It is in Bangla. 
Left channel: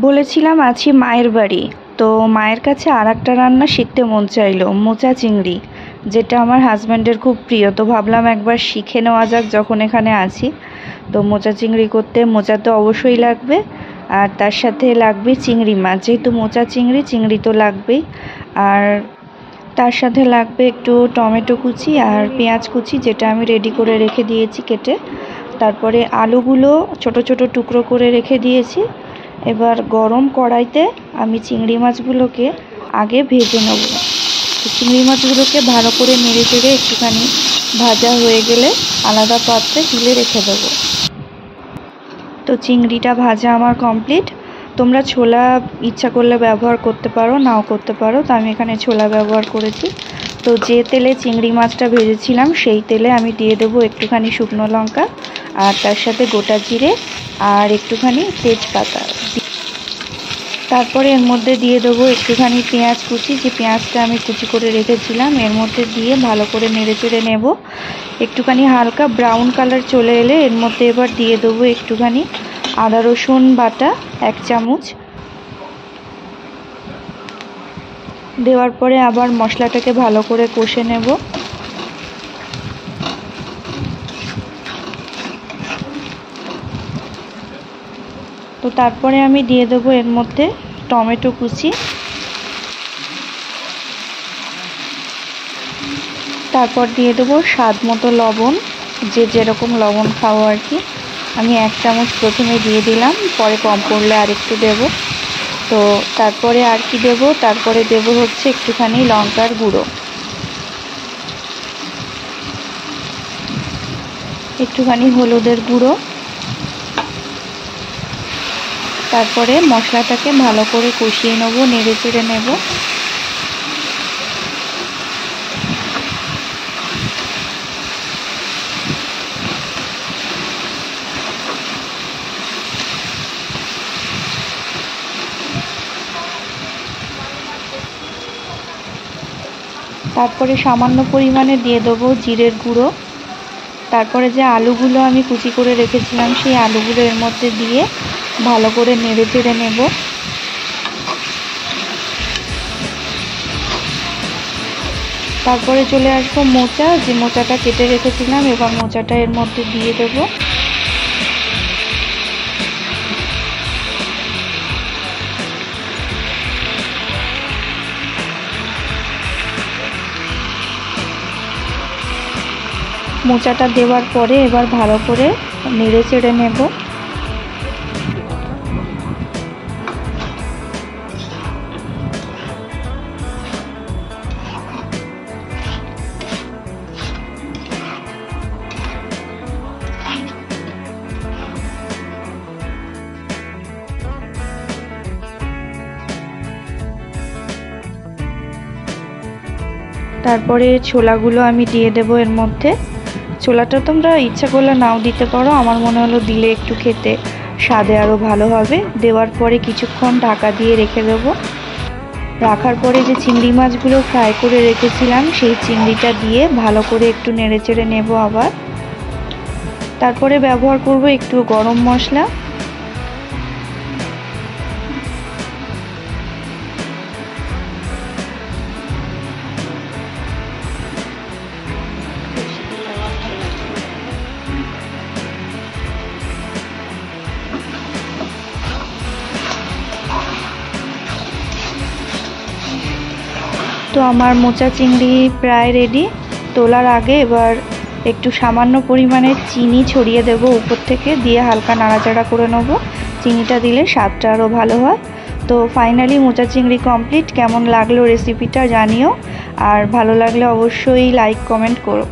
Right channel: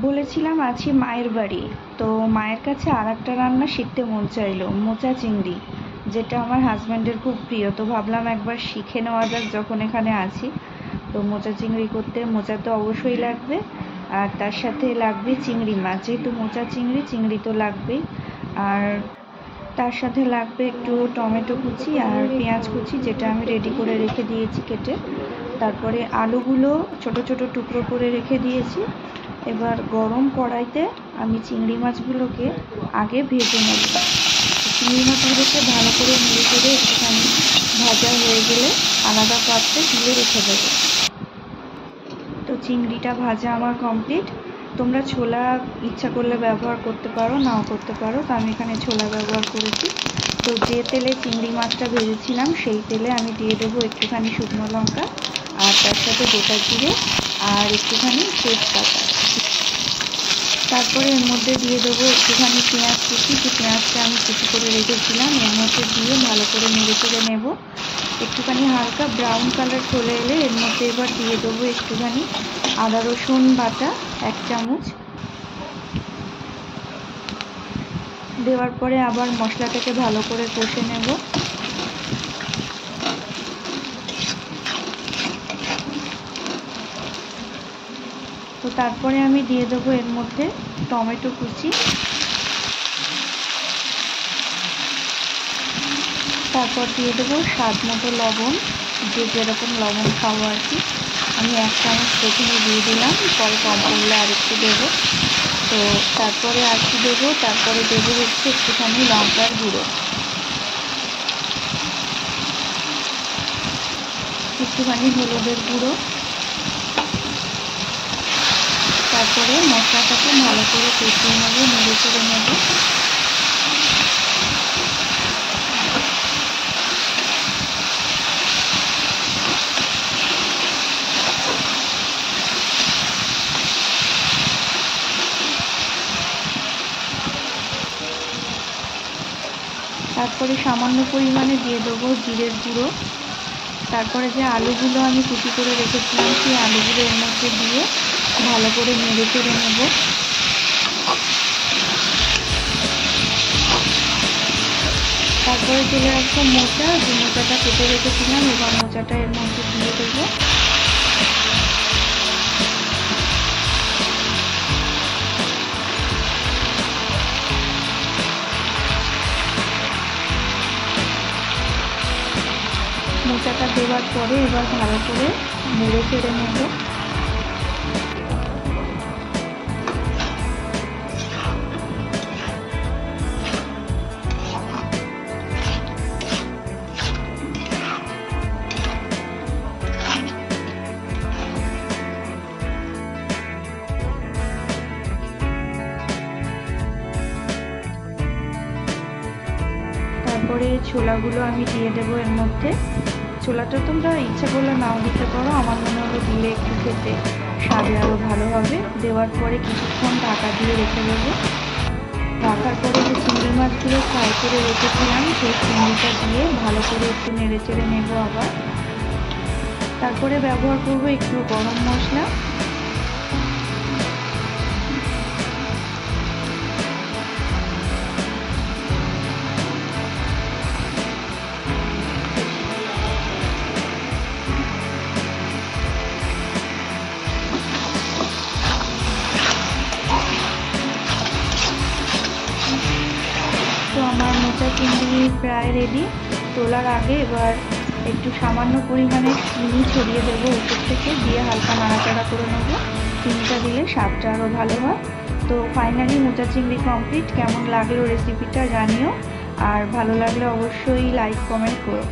বলেছিলাম আছি মায়ের বাড়ি, তো মায়ের কাছে আর একটা রান্না শিখতে মন চাইলো, মোচা চিংড়ি, যেটা আমার হাজব্যান্ডের খুব প্রিয়। তো ভাবলাম একবার শিখে নেওয়া যাক যখন এখানে আছি। তো মোচা চিংড়ি করতে মোচা তো অবশ্যই লাগবে, আর তার সাথে লাগবে চিংড়ি মাছ, যেহেতু মোচা চিংড়ি তো লাগবেই। আর তার সাথে লাগবে একটু টমেটো কুচি আর পেঁয়াজ কুচি, যেটা আমি রেডি করে রেখে দিয়েছি কেটে। তারপরে আলুগুলো ছোট ছোট টুকরো করে রেখে দিয়েছি। এবার গরম কড়াইতে আমি চিংড়ি মাছগুলোকে আগে ভেজে নেব। চিংড়ি মাছগুলোকে ভালো করে নেড়ে চেড়ে একটুখানি ভাজা হয়ে গেলে আলাদা পাত্রে তুলে রেখে দেবো। তো চিংড়িটা ভাজা আমার কমপ্লিট। তোমরা ছোলা ইচ্ছা করলে ব্যবহার করতে পারো, নাও করতে পারো, তো আমি এখানে ছোলা ব্যবহার করেছি। তো যে তেলে চিংড়ি মাছটা ভেজেছিলাম সেই তেলে আমি দিয়ে দেবো একটুখানি শুকনো লঙ্কা, আর তার সাথে গোটা জিরে আর একটুখানি তেজপাতা। তারপরে এর মধ্যে দিয়ে দেবো একটুখানি পেঁয়াজ কুচি, যে পেঁয়াজটা আমি কুচি করে রেখেছিলাম, এর মধ্যে দিয়ে ভালো করে নেড়ে চেড়ে নেব। একটুখানি হালকা ব্রাউন কালার চলে এলে এর মধ্যে এবার দিয়ে দেবো একটুখানি আদা রসুন বাটা 1 চামচ। দেওয়ার পরে আবার মশলাটাকে ভালো করে কষে নেব। তো তারপরে আমি দিয়ে দেবো এর মধ্যে টমেটো কুচি, তারপর দিয়ে দেবো স্বাদ মতো লবণ, যে যেরকম লবণ খাওয়া আর কি। আমি 1 চামচ প্রথমে দিয়ে দিলাম, পরে কম পড়লে আরেকটু দেবো। তো তারপরে আর কি দেবো, তারপরে দেবো হচ্ছে একটুখানি লঙ্কার গুঁড়ো, একটুখানি হলুদের গুঁড়ো। তারপরে মশলাটাকে ভালো করে কষিয়ে নেবো, নেড়ে চেড়ে নেব। তারপরে সামান্য পরিমাণে দিয়ে দেবো জিরের গুঁড়ো। তারপরে যে আলুগুলো আমি কুচি করে রেখেছিলাম সেই আলুগুলো এর মধ্যে দিয়ে ভালো করে নেড়ে চেড়ে নেব। তারপরে চলে আসবো মোচা, যে মোচাটা কেটে রেখেছিলাম, এবং মোচাটা এর মধ্যে দিয়ে দেবো। মোচাটা দেওয়ার পরে এবার ভালো করে নেড়ে চেড়ে নেব। তারপরে ছোলাগুলো আমি দিয়ে দেবো এর মধ্যে। ছোলাটা তোমরা ইচ্ছা করলে নাও দিতে পারো, আমার মনে হলো দিলে একটু খেতে স্বাদে আরও ভালো হবে। দেওয়ার পরে কিছুক্ষণ ঢাকা দিয়ে রেখে দেবো। রাখার পরে যে চিংড়ি মাছগুলো ফ্রাই করে রেখেছিলাম সেই চিংড়িটা দিয়ে ভালো করে একটু নেড়ে চেড়ে নেব আবার। তারপরে ব্যবহার করব একটু গরম মশলা, তো আমার মোচা চিংড়ি প্রায় রেডি। তোলার আগে এবার একটু সামান্য পরিমাণে চিনি ছড়িয়ে দেব উপর থেকে, দিয়ে হালকা নাড়াচাড়া করে নেব। চিনিটা দিলে স্বাদটা আরও ভালো হয়। তো ফাইনালি মোচা চিংড়ি কমপ্লিট। কেমন লাগলো রেসিপিটা জানিও, আর ভালো লাগলে অবশ্যই লাইক কমেন্ট করো।